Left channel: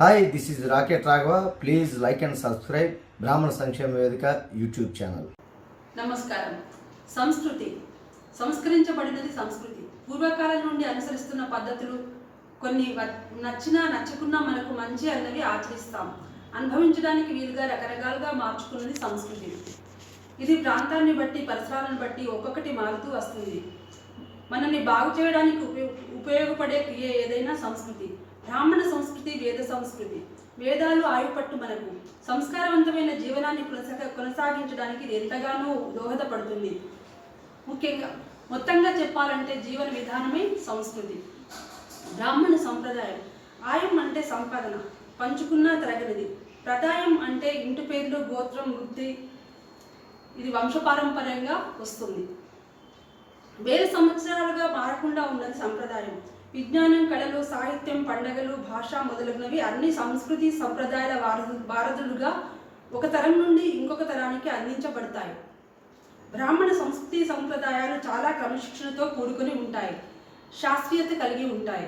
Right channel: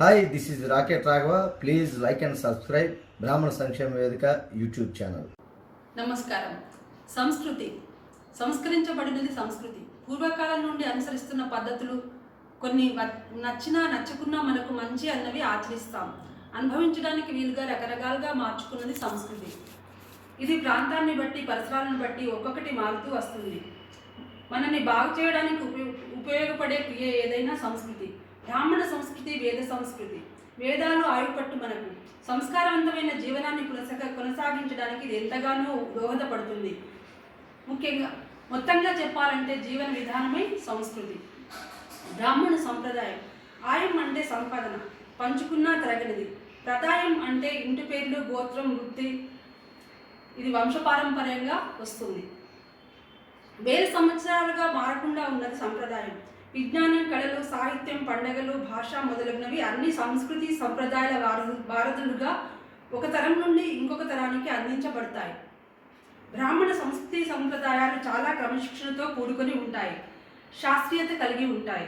Hi, this is rocket Raghava. Please like and subscribe బ్రాహ్మణ సంక్షేమ వేదిక యూట్యూబ్ ఛానల్. నమస్కారం. సంస్కరించబడినది సంస్కృతి. పూర్వకాలం నుండి అనుసరిస్తున్న పద్ధతులు కొన్ని నచ్చినా నచ్చకున్నా మనకు మంచి అన్నవి ఆచరిస్తాం. అనుభవించడానికి వీలుగా రకరకాలుగా మార్చుకున్నది సంస్కృతి. ఇది ప్రాంతాన్ని బట్టి, పరిసరాలను బట్టి ఒక్కొక్కటి మారుతూ వస్తుంది. మనల్ని బాగు చేయడానికి ఉపయోగపడే క్రియ ఏదైనా సంస్కృతి. బ్రాహ్మణ సంస్కృతి, వేద సంస్కృతి. వేదాలు ఆయుపట్టు మనకు సంస్కారవంతమైన జీవనాన్ని కొనసాగించడానికి ఇది ఎంతగానో దోహదపడుతుంది. మొత్తంగా చెప్పాలంటే జీవన విధానమే సంస్కృతి. బ్రాహ్మణ సంప్రదాయం. ఆయం అంటే సంపాదన, పంచుకున్నా తరగనిది. ప్రదాయం అంటే ఇంటి పేర్లు, గోత్రం, వృత్తి. ఇది వంశపారంపర్యంగా వస్తుంది. వేల సంవత్సరాలుగా మారకుండా ఉన్నది సంప్రదాయం. విజ్ఞానం, కళలు, సాహిత్యం, పండుగలు, భాష మొదలగునవి అన్ని సంస్కృతి సంప్రదాయాల వారధులుగా ఒక తరం నుండి ఇంకొక తరానికి అందించబడతాయి. బ్రాహ్మణ సంస్కృతి సంప్రదాయాలు చాలా క్రమశిక్షణతో కూడుకొని ఉంటాయి, శాస్త్రీయత కలిగి ఉంటాయి.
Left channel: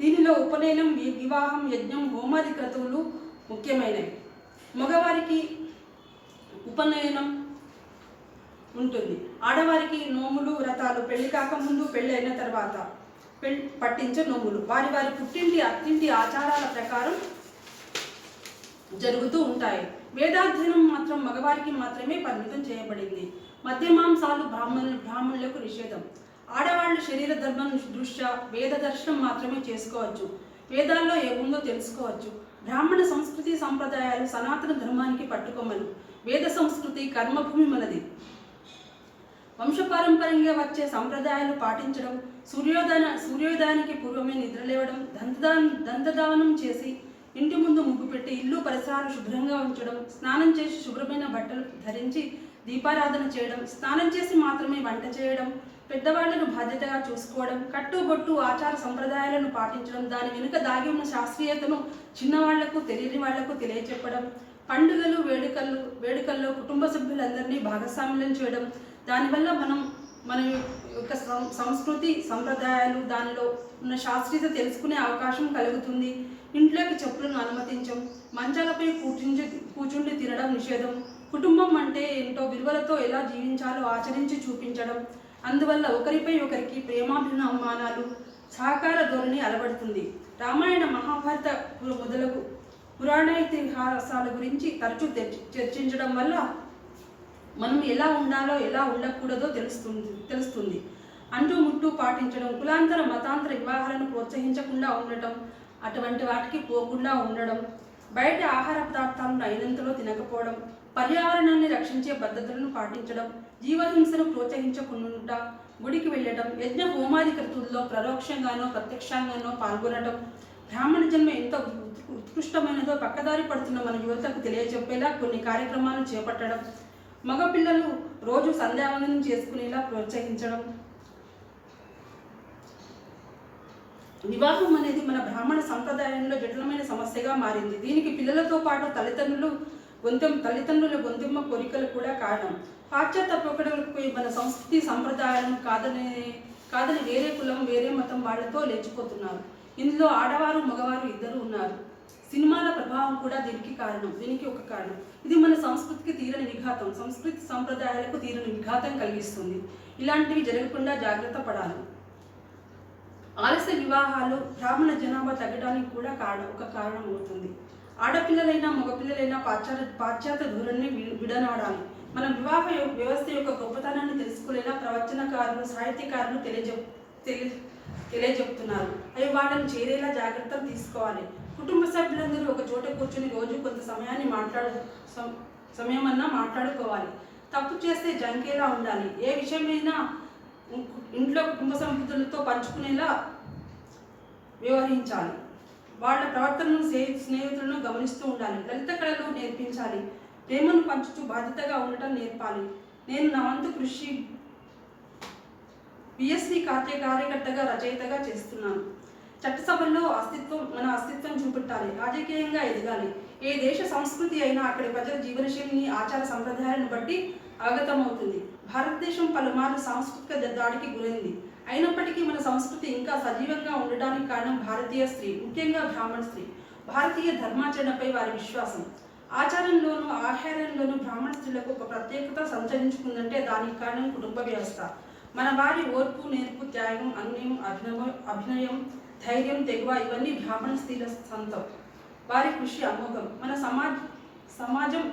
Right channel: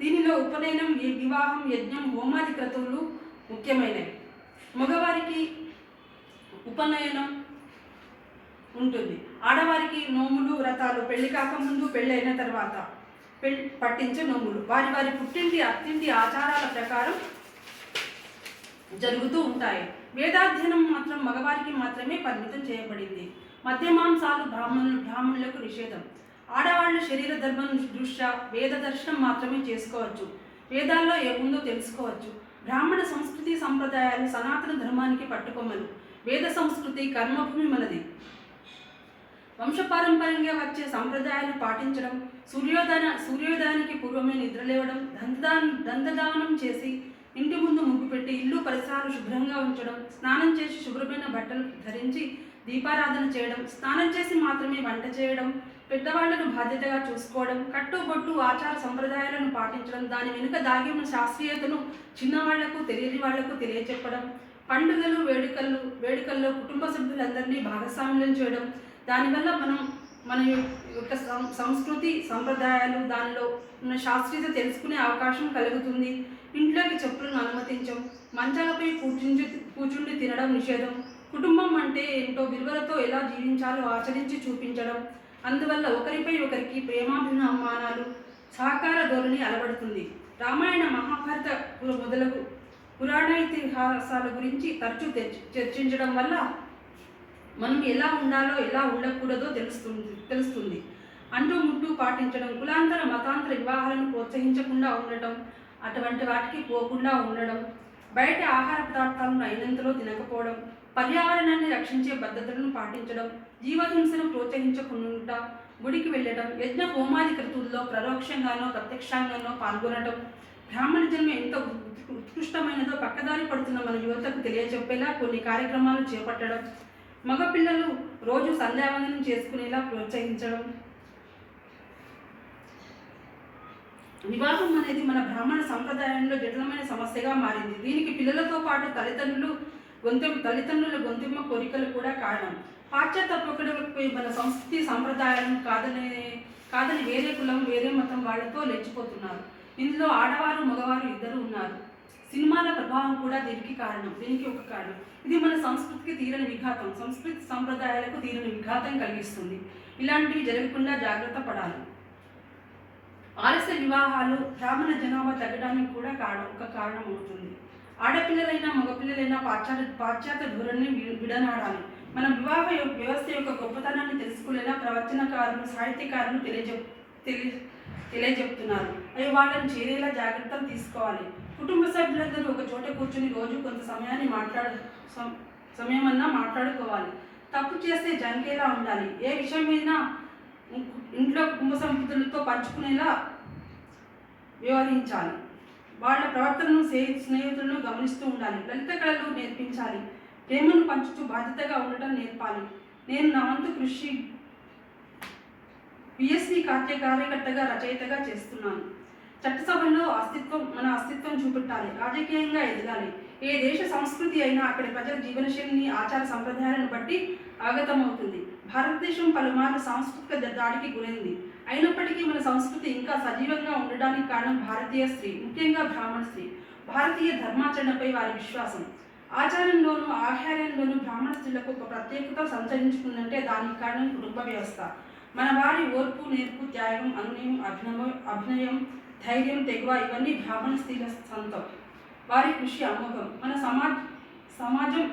దీనిలో ఉపనయనం, వివాహం, యజ్ఞం, హోమాది క్రతువులు ముఖ్యమైనవి. మగవారికి ఉపనయనం ఉంటుంది. ఆడవారికి నోములు, వ్రతాలు, పెళ్లి కాకముందు, పెళ్ళి అయిన తర్వాత పట్టించే నోములు వారి వారి పుట్టింటి, అత్తింటి ఆచారాల ప్రకారం జరుగుతూ ఉంటాయి. వేదాధ్యయనం మాత్రం మగవారికి మాత్రమే పరిమితం చేయబడింది. మద్యమాంసాలు బ్రాహ్మణులకు నిషేధం. ఆడవాళ్లు శరీర ధర్మం దృష్ట్యా వేద దర్శనం మాత్రమే చేసుకోవచ్చు. వేదాల్లో ఏముందో తెలుసుకోవచ్చు. బ్రాహ్మణ సంస్కృతి సంప్రదాయాలు సనాతన ధర్మానికి పట్టుకొమ్మలు. వేద సంస్కృతి కర్మభూమి మనది. వంశపారంపర్యంగా వచ్చే సంప్రదాయాలు పాటించడం, సూర్యోదయానికి పూర్వమే నిద్రలేవడం, దంతదావనం చేసి ఇంటి ముందు ముగ్గు పెట్టి ఇల్లు పరిసరాలు శుభ్రంగా ఉంచడం, స్నానం చేసి శుభ్రమైన బట్టలు ధరించి దీపారాధన చేయడం, స్నానం చేసి మాత్రమే వంట చేయడం, పెద్దవాళ్లను బాధ్యతగా చూసుకోవడం, కట్టుబొట్టు ఆచార సంప్రదాయాలను పాటించడం, దాని వెనుక దాగి ఉన్న శాస్త్రీయతను చిన్నవాళ్లకు, తెలియని వాళ్లకు తెలియచెప్పడం, పండుగలు, వేడుకల్లో కుటుంబ సభ్యులందరినీ భాగస్వామ్యం చేయడం, దానివల్ల మన యొక్క సంస్కృతి సంప్రదాయాలు, దానిలో ఉన్న శాస్త్రీయత తెలుసుకునే అవకాశం కలుగుతుంది. ఇంట్లోకి చెప్పులను అనుమతించం, మంచాలపై కూర్చుండి తినడం నిషేధం. కుటుంబం అంటే ఏంటో, విలువలతో ఎలా జీవించాలో ఆచరించి చూపించడం. అందువల్ల ఒకరిపై ఒకరికి ప్రేమాభిమానాలు, సహకార ధోరణి అలవడుతుంది. రామాయణ, మహాభారత మొదలగు పురాణ ఇతిహాసాల గురించి తరచూ చర్చించడం వల్ల మనం ఎలా ఉండాలో, ఎలా ఉండకూడదో తెలుస్తుంది. అంటూ ముట్టు పాటించడం, కులాంతర మతాంతర వివాహాలను ప్రోత్సహించకుండా ఉండటం, అటువంటి వాటికి పోకుండా ఉండడం, బయట ఆహార పదార్థాలను అయినంతలో తినకపోవడం, పర్యావరణాన్ని రక్షించే పద్ధతులను పాటించడం, జీవహింసను ప్రోత్సహించకుండా గుడికి వెళ్ళడం, యజ్ఞ హోమాది క్రతువుల్లో పరోక్షంగానో ప్రత్యక్షంగానో పాల్గొనడం. బ్రాహ్మణ జన్మ ఎంత ఉత్కృష్టమైనదో పక్కదారి పడుతున్న మన యువతకు తెలియచెప్పేలా కొన్ని కార్యక్రమాలు చేపట్టడం, మగపిల్లలు రోజు సంధ్యావందనం చేసుకునేలా ప్రోత్సహించడం. వివాహం అనేది మన బ్రాహ్మణ సంప్రదాయంలో జటిలమైన సమస్యగా మారింది. దీనికి పిల్లలతో పాటు తల్లిదండ్రుల గొంతెమ్మ కోరికలు కూడా కారణం. పాశ్చాత్య పోకడలకు మన సంస్కృతి సంప్రదాయాలను కాదని వేరే కులం, వేరే మతం వాళ్లతో లేచిపోతున్నారు. ఇందులో ఆడవారు, మగవారు ఇద్దరు ఉన్నారు. సినిమాల ప్రభావం కూడా దీనికి ఒక కారణం. ఇది మన సంస్కృతికి తీరని విఘాతం, సంస్కృతి సంప్రదాయాలకు తీరని విఘాతం కలిగిస్తుంది. ఇలాంటివి జరగకుండా జాగ్రత్త పడాలి. ఆలస్య వివాహాలు బ్రాహ్మణ జనాభా తగ్గడానికి కూడా ఒక కారణం అవుతుంది. ఆడపిల్లలైనా మగపిల్లలైనా పాశ్చాత్య ధోరణిని విడనాడాలి. మన వివాహ వ్యవస్థ యొక్క గొప్పతనాన్ని తెలుసుకునేలా ప్రవచనకారులు, సాహిత్యకారులు తెలియజెప్తున్నారు. అవి వాళ్ళని చేరేలా జాగ్రత్తలు తీసుకోవాలి. కుటుంబ సభ్యులందరూ ఒక చోట కూర్చొని రోజు కొంత సమయమన్నా మాట్లాడుకోవాలి. తప్పు చేస్తే జంకేలా ఉండాలి. ఏ విషయమైనా ఇంట్లో కుటుంబ సభ్యులతో పంచుకునేలా వ్యవహరించాలి. వాళ్ళ ప్రవర్తనను, స్నేహితులను గమనిస్తూ ఉండాలి. లలిత కళలు నేర్పించాలి. ప్రేమను పంచుతూ బాధ్యతగా ఉండటం నేర్పాలి. నేను నా వంతు కృషి బిఎస్సి కార్యకర్తగా, రచయితగా చేస్తున్నాను. చట్టసభల్లో మన అస్తిత్వం చూపెట్టాలి. రాజకీయంగా ఎదగాలి. ఏ దేశ సంస్కృతి అయినా అక్కడి ప్రజల జీవనశైలిని, ఆచార సంప్రదాయాలను బట్టి అవగతమవుతుంది. భారతదేశం పలుమార్లు సాంస్కృతిక దాడికి గురైంది. అయినప్పటికీ మన సంస్కృతి ఇంకా సజీవంగా ఉండడానికి కారణం భారతీయ స్త్రీ, ముఖ్యంగా బ్రాహ్మణ స్త్రీ. భారతీయ ధర్మాచరణపై వారి విశ్వాసం, ఆచారంలోనూ ఆహారంలోనూ బ్రాహ్మణ స్త్రీలకు ఒక ప్రత్యేకత సంచరించుకుందంటే దానికి కారణం కుటుంబ వ్యవస్థ. మన వారి ఓర్పు, నేర్పు, త్యాగం, అనునయం, అభినయం, ధైర్యం, తెగువ ఇవన్నీ బ్రాహ్మణ స్త్రీల సొంతం. వారి కృషి అమోఘం. మన సమాజం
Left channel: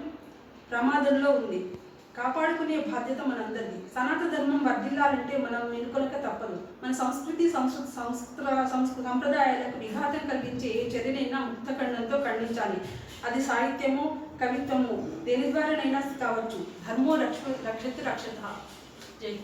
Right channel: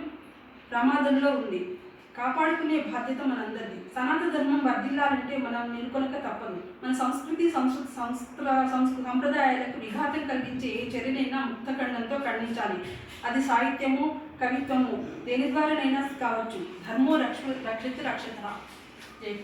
ప్రమాదంలో ఉంది. కాపాడుకునే బాధ్యత మనందరిది. సనాతన ధర్మం వర్ధిల్లాలంటే మనం మెనుకొనక తప్పదు. మన సంస్కృతి సంప్రదాయాలకు విఘాతం కలిగించే ఏ చర్యనైనా ముక్తఖండంతో ఖండించాలి. అది సాహిత్యము, కవిత్వము, దేని ద్వారానైనా కావచ్చు. ధర్మో రక్షిత రక్షత. జై.